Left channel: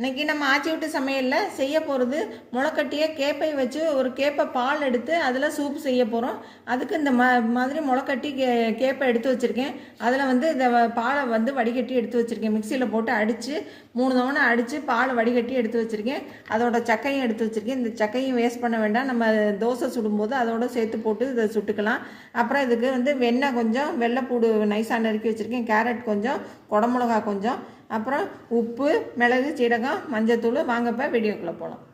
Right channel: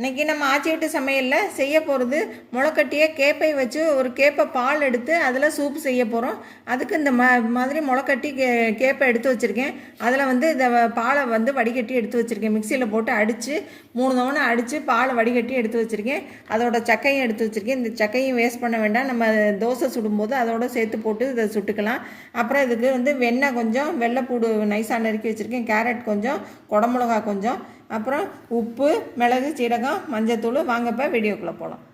இன்றைக்கி நம்ம ஆச்சி விட்டு சமையலில் செய்ய போகிறது முளைக்கட்டிய கேப்பை வச்சு ஒரு கேப்பை பால் எடுத்து அதில் சூப் செய்ய போகிறோம் அதுக்கு இந்த ம மாதிரி முளைக்கட்டி கே கேப்பை எடுத்து வச்சுருக்கேன். அதில் வந்து இந்த பாலை வந்து வடிகட்டி எடுத்து வச்சுருக்கேன். மிக்சியில் போட்டு அடித்து மூணு தவணை அடித்து பால் வடிகட்டி எடுத்து வச்சுருக்கேன். அதோட சக்கையும் எடுத்து வச்சுருக்கேன். இந்த சக்கையும் வேஸ்ட் பண்ண வேண்டாம். நம்ம தோசை சுடும்போது அதோட சேர்த்து போட்டு இதை சுட்டுக்கலாம். அப்புறம் இதுக்கு வந்து வெண்ணெய் கொஞ்சம் வெள்ளைப்பூடு நைஸாக நறுக்கி வச்சுருக்கேன். கேரட் கொஞ்சம் குடமிளகா கொஞ்சம் அப்புறம் உப்பு மிளகு சீரகம் மஞ்சத்தூள் வாங்கப்போ வீடியோக்குள்ளே போகலாம்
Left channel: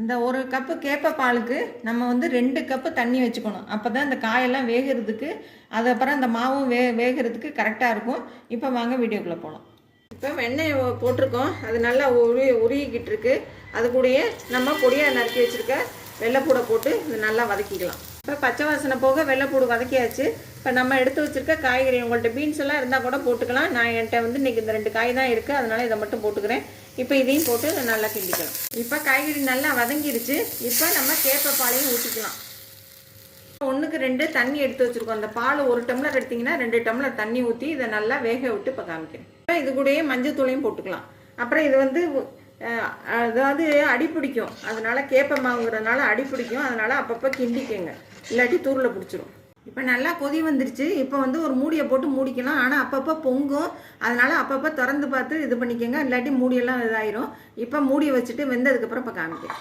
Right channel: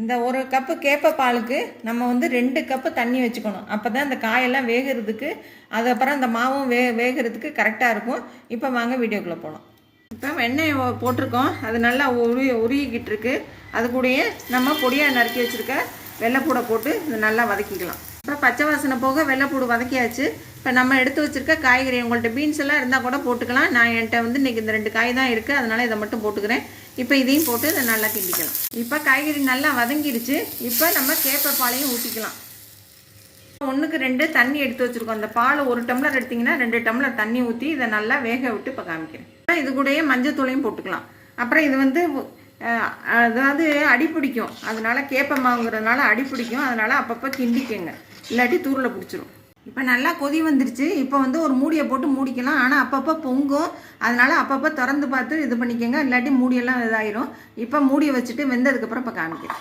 இந்த ஒரு கப்பு கேப்ப பாலுக்கு நம்ம வந்து ரெண்டு கப்பு தண்ணி வச்சுக்கணும். அப்போ தான் இந்த காயெல்லாம் வேகிறதுக்கு அதுக்கப்புறம் அந்த மாவும் வே வேகிறதுக்கு கரெக்டாக இருக்கும். இப்போ வாங்க வீடியோக்குள்ளே போகலாம் இப்போ வெண்ணெய் போட்டிருக்கோம். அது நல்லா உருகி உருகிக்கிட்டு இருக்கு. அது கூடயே நம்ம பொடியாக நறுக்கி வச்சுருக்க வெள்ளைப்பூடை போட்டு இது நல்லா வதக்கிக்கலாம். இப்போ பச்சை வாசனை போக வெள்ளைப்பூடு வதக்கியாச்சு. இப்போ நம்ம எடுத்து வச்சிருக்க காய்கறி உங்கள்கிட்ட பீன்ஸ் எல்லாம் இருந்தால் கூட போட்டுக்கலாம். நான் என்கிட்ட வந்து இன்னைக்கு இந்த ரெண்டு காய் தான் இருக்குது அதனால் இதை மட்டும் போட்டுக்கிறேன். இப்போ இதையும் போட்டு இதை நல்லா கிண்டிக்கலாம் இப்போ காய்கறி நல்லா வதங்கிருச்சு இப்போ நம்ம கேப்பை பாலையும் ஊற்றிக்கலாம் ஒன்றுக்கு ரெண்டு தண்ணி எடுத்து வச்சுருக்கோம். அந்த பால் ஒரு டம்ளர் எடுத்திங்கன்னா ரெண்டு டம்ளர் தண்ணி ஊற்றி இதை நல்லா வேக விட்டு இப்போ காமிக்கிறேன். அப்புறம் இது கூடயே மஞ்சத்தூளையும் போட்டுக்கலாம். அப்புறம் இது வந்து அதாவது அடி பிடிக்கும். அதனால கேப்ப மாவுங்கிறதுனால அடி பிடிக்கும். அதனால அப்பப்போ கிண்டிக்கங்க. இல்லாட்டி தூரில் பிடிச்சிரும். இப்போ நல்லா கொதி வந்துருச்சு. இப்போ வந்து ஒரு மூடியை போட்டு மூடிக்கலாம். ஆனால் அப்பப்போ பொங்கும். அதனால் அப்பப்போ திறந்து பார்த்து இது பண்ணிக்கோங்க. இல்லாட்டி மூடியெல்லாம் இதாயிரும். இப்போ மூடி வச்சுட்டு வெந்ததுக்கப்புறம் இப்போ காமிக்கிறேன்.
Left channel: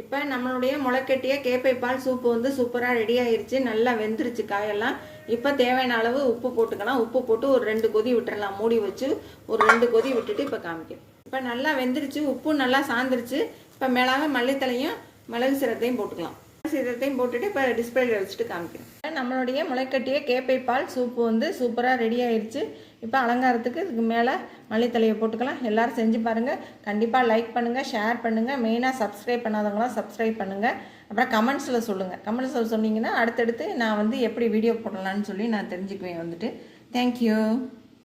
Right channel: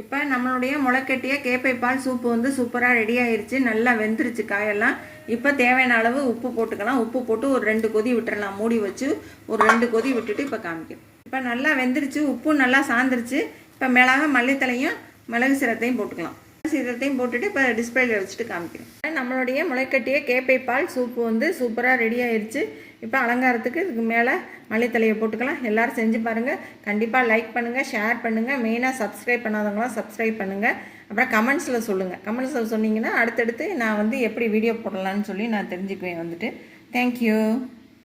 இப்போ நம்மளுடைய முளைக்கட்டிய கேப்பை பால் சூப்பு வந்து சூப்பராக ரெடி ஆயிடுச்சு நல்லா வெந்துருச்சு காயெல்லாம். இப்போ தேவையான அளவு உப்பு போட்டுக்கலாம். உப்பு போட்டு ஒரு ரெண்டு கொதி விட்டுறலாம். மூடி வச்சு ஒரு ரெண்டு கொதி விட்டுட்டு இப்போ காமிக்கிறேன். இப்போ நல்லா வெந்துருச்சு. உப்பு நல்லா சாந்துருச்சு. இப்போ மிளகா மல்லித்தலையும் மிளகு சீரத்தையும் போட்டுக்கலாம். சீரத்தையும் போட்டுட்டு இப்போ டிஸ்பிளேல வச்சுட்டு காமிக்கிறேன். நம்மளுடைய முளைக்கட்டிய கேப்பை பால் சூப்பு வந்து சூப்பராக ரெடி ஆயிடுச்சு இப்போ அலங்காரத்துக்கு இதுக்கு மேலே மல்லித்தலையை போட்டுக்கலாம். எல்லோரும் செஞ்சு பாருங்கள் கண்டிப்பாக லைக் பண்ணுங்கள் ஷேர் பண்ணுங்கள் மெயினாக சப்ஸ்கிரைப் பண்ணாதவங்களாம் சப்ஸ்கிரைப் பண்ணுங்கள் அப்புறம் கமெண்ட்ஸில் சொல்லுங்கள் கமெண்ட்ஸில் சொன்னீங்கன்னா அடுத்தடுத்து நான் வந்து எப்படி வீடியோ போடலான்னு சொல்லி நான் தெரிஞ்சுக்குவேன் வந்துட்டு. தேங்க்யூ